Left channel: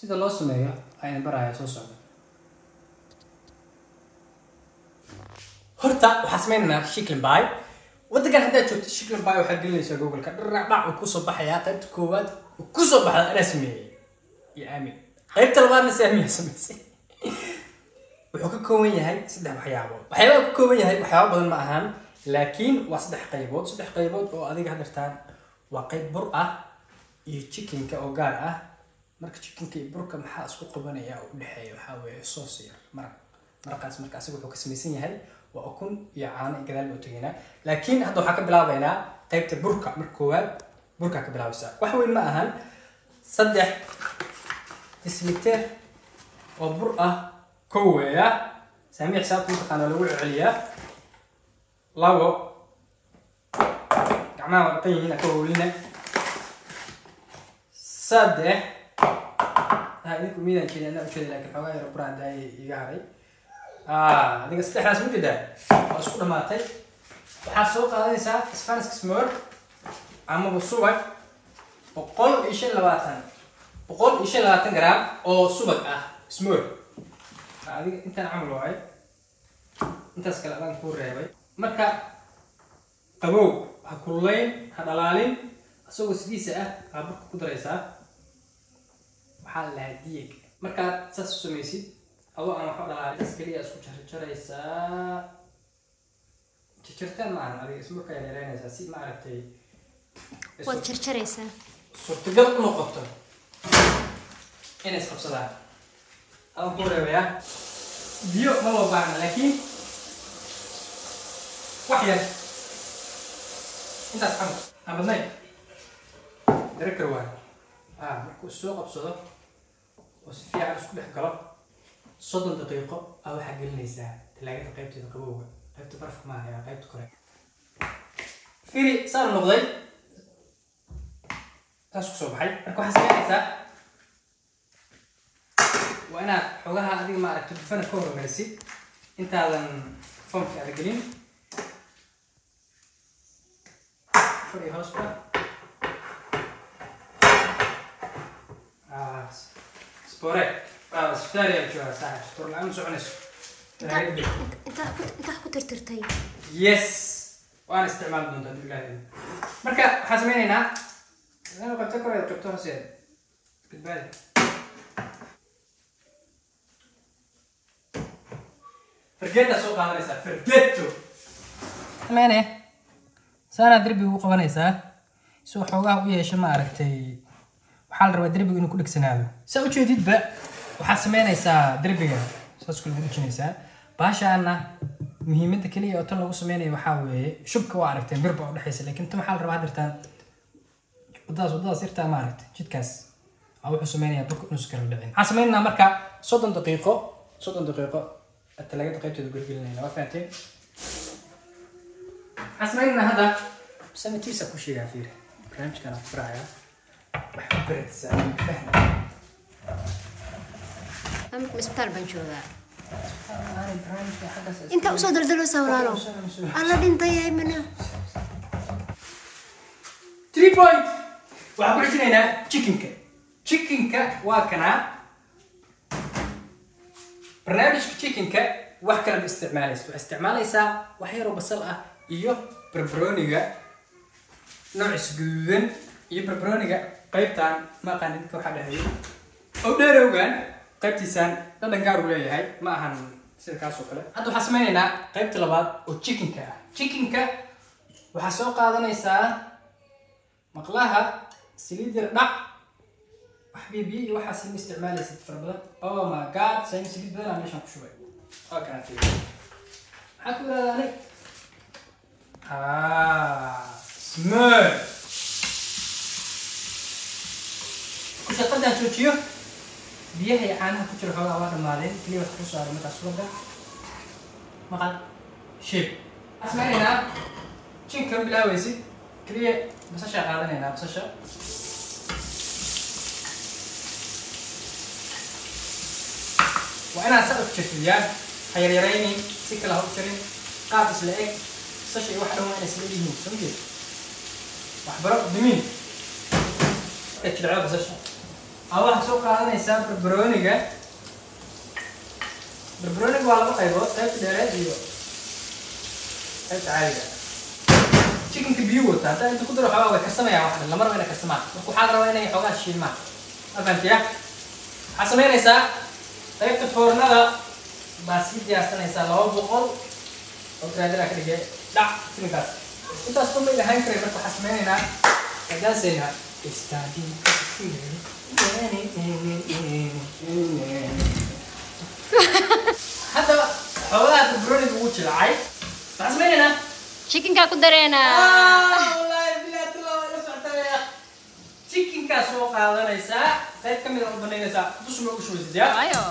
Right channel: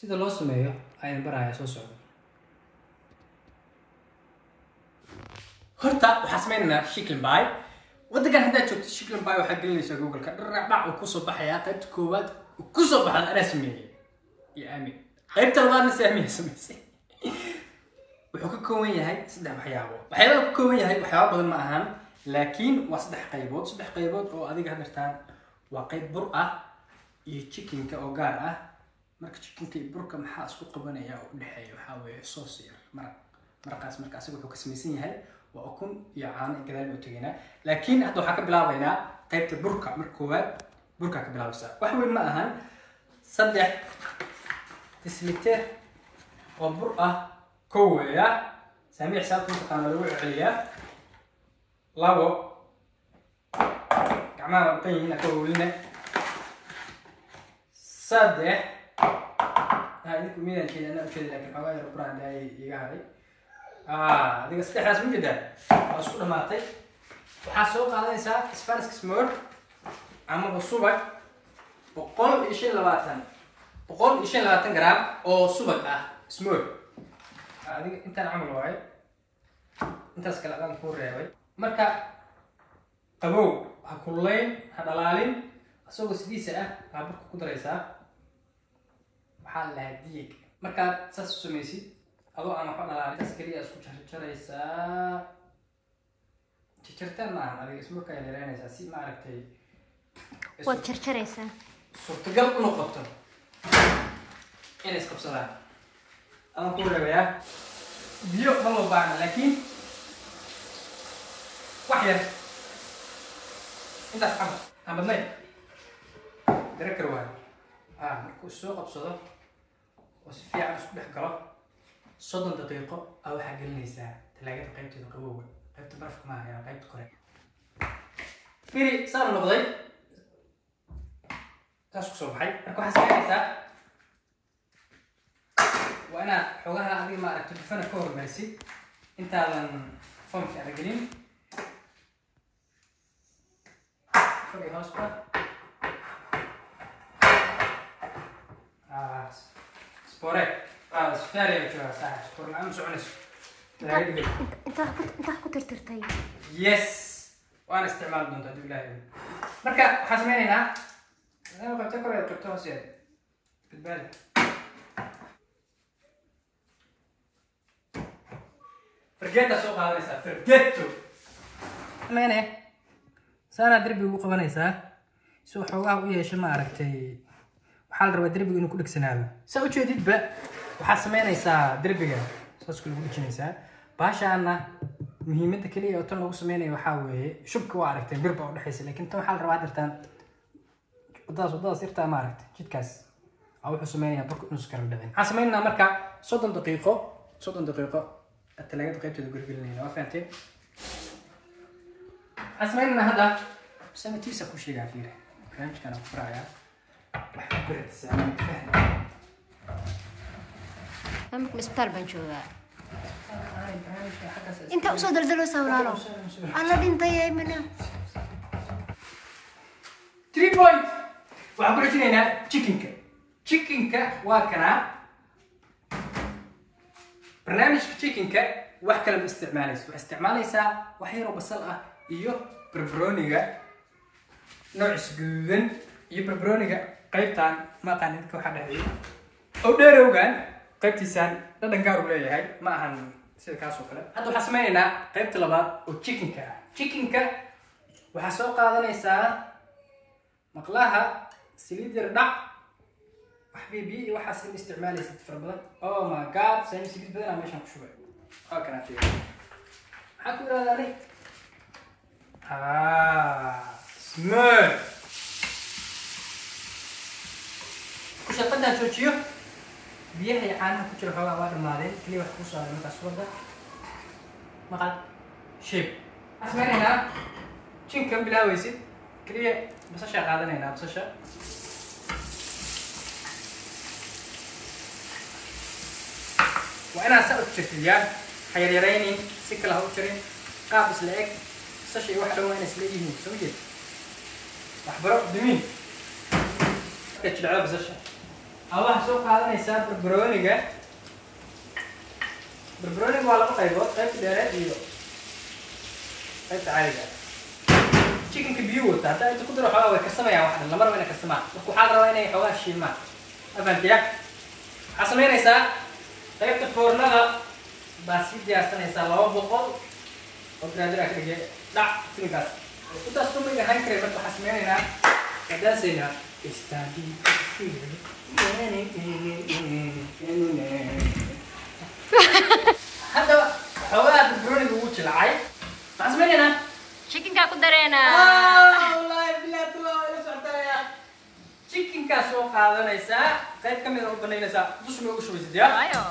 sida loo sameeyo ayaan barayaa soo socda. horta waxaan sameynaa chicken pie. waddankan haddaad joogto chicken pie waxaad gelinaysaa google-ka dharac uu kusoo baxayaa qaybta koowaad uu kusoo baxda anaa sameeyey iyo aamin. qaybta labaadna si aamiya samaysay. wuxuu ka kooban yahay 3 waxyaabood. waxyaabaha ka kooban yahay waxyaabo badan ma ahan laakiin waa 3 qaybood. 3 qaybood oo adiga hadirtaan waa qayb bur ah iyo chickenka oo gaar ah. marka chickenka iyo burka maxaa isku qabanaya oo u dhaxeeyo waxa weeye sauce yar markaas asiga wuxuu ka samaysan yahay waa ukun iyo caano gadaal buu tagaynaa. laakiin hadda waxaan ka bilaabaynaa qaybta burka. marka koowaad burka ka bilaabaysaa. wax weyn ma ahan 3 deciliter oo bur ah كوية سامي حساب تنطق أنا لو عليا لابو كمان وقتين هنا كوينا صدق هاي كمية كذا أنا وكذا لكن حواي ربنا داي يجاري هذيك السلاح لازم جدا أسكر ماتي وحاسوق هذا ساعة إسفانس كسمور عم بصوبك بقول إيش اللي جرام أو صوبك سمور adiga intaan camal waay intaas kala aan ku reebay. marka qabow ha kulleyn ha dhalaalin asagoo sidiisa ah burka ku daraysaa waxaa la hadiyay. marka saas sameeysid adoo aan wax dhalaalin kas kaliya isku jarjaraysaa jarjartaan maahan adiga isma ka yareynaysaa si ma aragtay waad jarjaraysaa suurtagal u noqoto inay isqabsadaan. أنا أقول يا بيو ما هو بعنا لكن واحد أنت أصحاب أنا بدني درك روان مركو السوق بصدق وسفي على سوق بحجرة صدم دقيقة أو حق النساء تلاقي قيمة القبوة قيمة برفق معها يعني قيمة كوري فيري صار النقضي تاسك صباحي مركو حسين نساء وأنا حوجها هذه ما أكتب فنا كور مرسي أنت على فم في أرجلين فري هاسبا سبورة سفاري أو شو صح سبور العام سعنس أنت كنت ترتي يس وأنا استعمال بنت هذه الجاهزة مركا حسمين هنا أنا قلت لك رأيت كتبتها سيد بالبالي فرجيت سوق هذا لسه فرجيته مانه سانا دربي ugu qabanaysa soo xoogaa u yeeshay ma aragtay waxa la rabaa darbiga inuu ku dhigsanaado saa u jeedidba waxa sameynaysaa darbiga saas ku dhigaysaa baashaana muhiimadda kaliya oo tan lagu sameynayo waxa weeye shubka waa aragtay birba u dhaxaysa laakiin tan waxa la rabaa dirtaan wadaas irtaa ma aragtay jidkaas wuxuu sameynayaa burka inuu iskala dhicin. waxa sameynaa marka 30 daqiiqo الثلاجة قيمته تقول لنا وفهمتين حسمينا هذا سنتي سكو شيء عفير برنامج كان أفرايا بحب برد السلام فهم أمك مسبتال بنشوفه أنت أصدر دلوسة ولا لا؟ الله دين طيب منه 3 بوينت وأقول لك هنا تشيكنكا وكنا برنامج تشيكنكا wax kale isticmaalaysaa wax yar oo basal ah iyo barbarooniga nooc guduudan iyo barbarooniga qaybtan ma qaaninka waxa dhahay oo dheerowgan qaybtiisan dhadhan gaar u leeyahay ma ahan sida kaas oo kale. hadda waxa sameeynaa qaybta labaad oo chickenka waxa soo qaadanaysaa maqlaha saliid yar dhac حبيبي واحد سن استعمالي ست فربلة. أوه ما قاد سن سليت بدنا مش هنشوفه. أوكي نفيد. حكوا هذا لي. سمر. كنت أقدر شو بيه هي أنا كنت راح أقول مالين كلي بس خصوصا على متى سودا. ما قال شيب. اسمعني هنا. شين كم بلا ويسي كلي بس أشياء قاعدين هنا بس أشياء. وأنا سألت شكليات حيريريني سكلا هو شرين قابس لإك ساشي واحد هو أنا سليبي مين سويت وحبرق دمين كتش العاب ساشي أول سوق هذا يساب بربرونيجا بربرونيجا ولا بقى يبغى كيف داري ديو كيف عالجة chicken كبيوت هذا أنت قدروا حواوي كسمة يا واحد لما رأينا كسمة وحاضر رأينا يحواش الشيء ما أفهمت يا حسمين يسا طيب تفورنا هذا بسيط يا أصلا يسا لو بقول وكذا كده لا سنكاس أنت أصلا بيجي هاي كريم بس حسمين هنا كذا سنها استاذي هذا حوالي بروني بوش العيب حسمين هنا chicken ka ku dareena والله بالله تلا ولا سعتها chicken كاسو قادنaysa qayb kamid ah u banaynaysa dusha ma ugu shubeysid ya ayo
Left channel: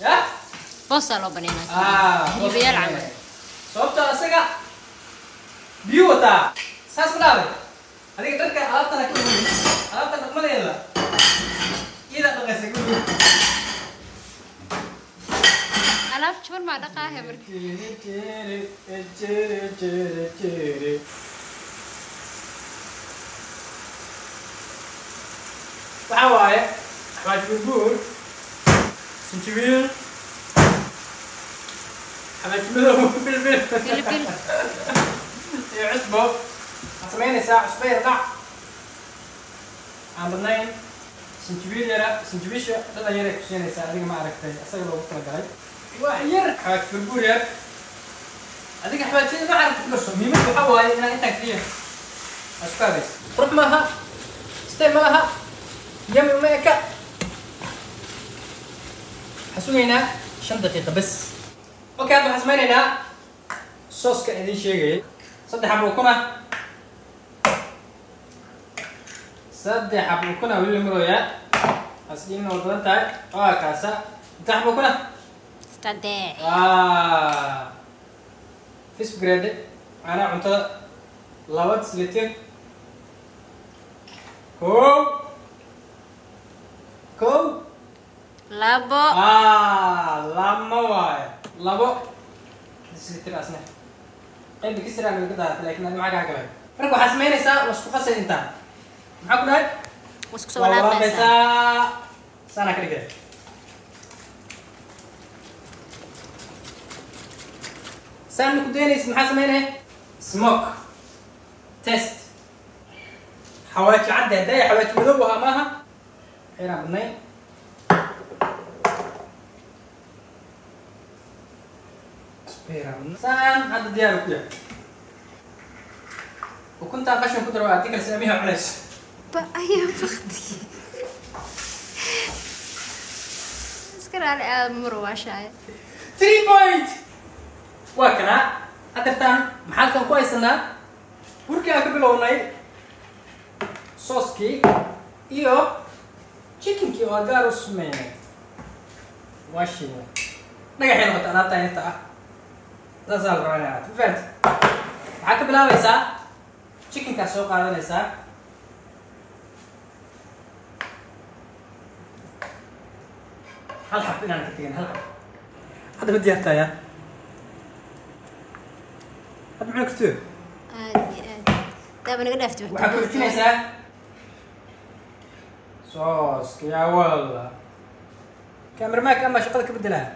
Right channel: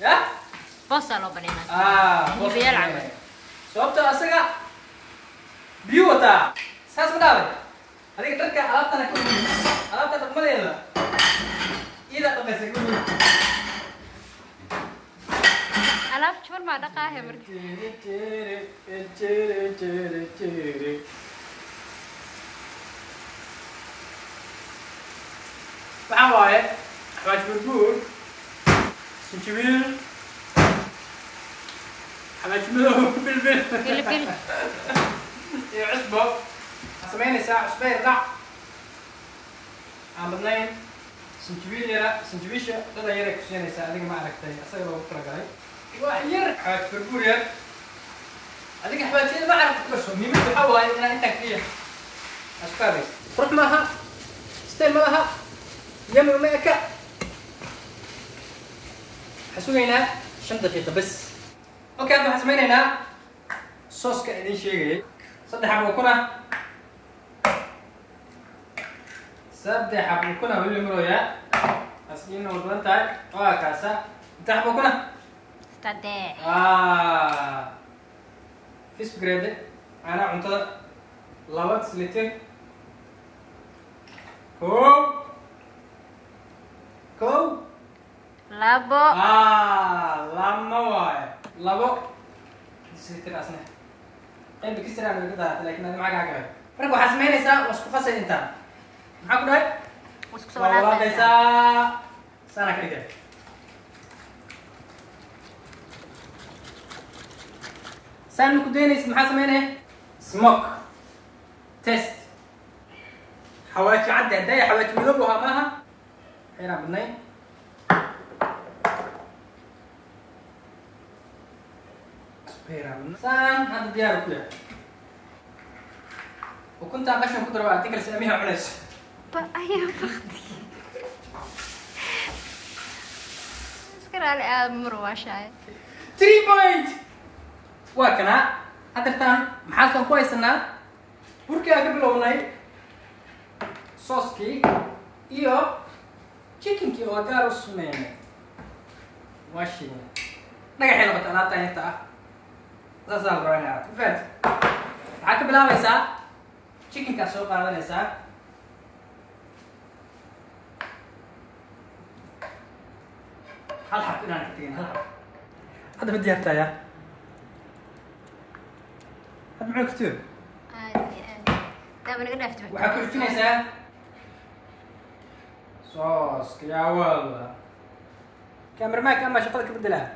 ya bosa loo baneynaa hilibiyal camal sababta asaga biyo wata saas ma dhaabay adiga dharka alaabta dhaqmadeeda ida dhaqaysa gudu alaab jaban ma dhaqaahe marka waxaa waaye xawaaj burbuur sinjibiil xawaaj madow bilbil filfil iyo cusbo waxaad samaynaysaa cusbo yar dhac aan badnayn sinjibiil yara sinjibiisha dhadhan yaray ku siinaysaa adiga ma aragtay asaga loogu talagalay wax yar xawaaj burbuur yar adiga xawaajyada ma aragtay kularso muhiimada waxaa waaye inaa intaan kaliya isku habaysa qurux maaha style ma laha يمي وميكا حسوينا 5 دقيقة بس اوكي هذا حسمينا صوص كأني شيء صدق حبوا كنا ولا مرويا أصلين وضلنا تاي كاسة انت حبوا كنا استدعي فيس جريد أنا عنده لوات سليتين كو labo لما واي لابو سيتر أصلا أنت كسر على كده لكن أنا معك عقلك فرق وحسمين إسا وسكو قصي أنت معك ده وسكو سوالات إسا سنة كده سان مكدين اسم حسمينه سموك تيست حواجي عدى هدايا حواجي مذوبها معها حيرا بالنين سان هذا ديالك كده وكنت أقشن كدر وأعطيك السلامية وعليش أيوة بختي اسكر على مروة شاي 3 بوينت وكنا أدرتان محلكم كويس إننا بركي أقبل وناي صوصكي إيو chicken كي وأجارو سمين واشيني نجحين وقت أنا تاني تا لا زال رأينا فهمت معك بلا ويسا chicken كاسو قاعدة نسا هل حب إنا نكتين هل حب هذا بدي أحتاجه هذا معك كتير عادي طيب أنا قد أفتح وحكوا كتير نسا صوص يا والله كاميرا ماك أما شغلك بدلها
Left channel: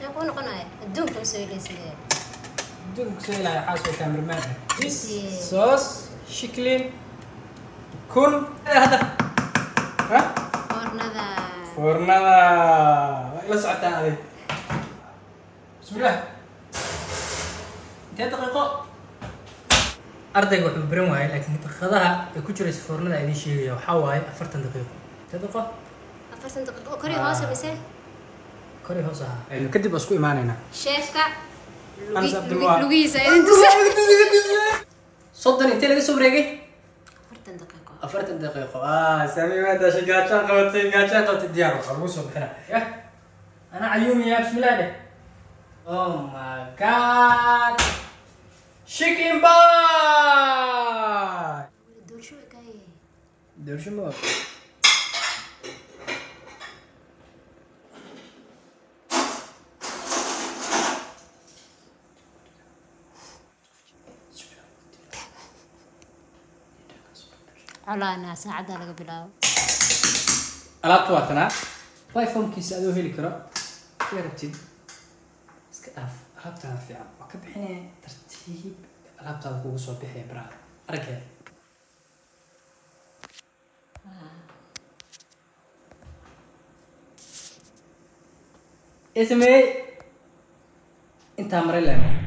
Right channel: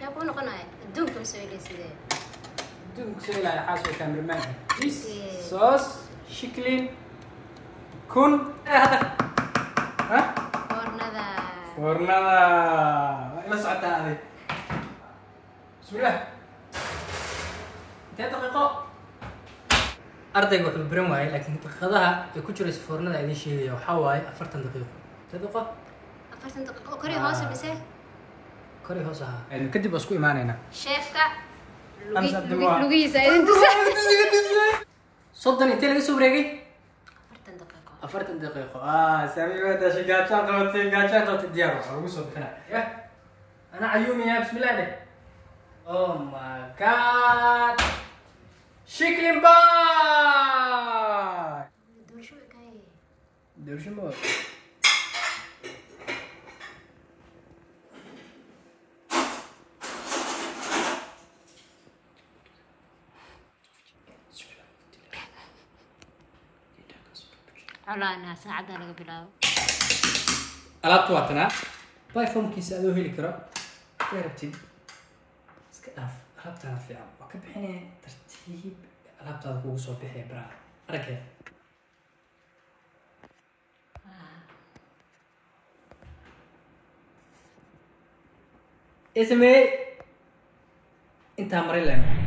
يقولون قناة الدوم كم سوي لي سيدي بدون كسي لا يحاسب كاميرا ماك صوص شكلين كن هذا ها فرندا لا سعتها هذه بسم الله 3 دقيقة أرضي وحب برين واي لكن تخذها يكون جريس فرندا هذه شيء وحواي 4 دقيقة 3 دقيقة 4 دقيقة كوري هوسة بس كوري هوسة يعني كدي بسكو إيماننا شيفكا لويزا أنت صدق أنت اللي سوبر يجي 4 دقيقة 4 دقيقة سامي ما تشي قاعد الديار خلصوا بكنا يا أنا عيوني يا بسم الله ده أوه ماي جاد شيكلين باي دور شو كاي دور شو مو xoolaha ana saacada laga bilaabo alaabtu waa tanaa iPhone-kiisa adoo heli karo way rabtid iska dhaaf alaabtaada fiican waa ka bixinaya tartiib alaabtaada kugu soo bixaya baraha aragaya اسمي انت مريلا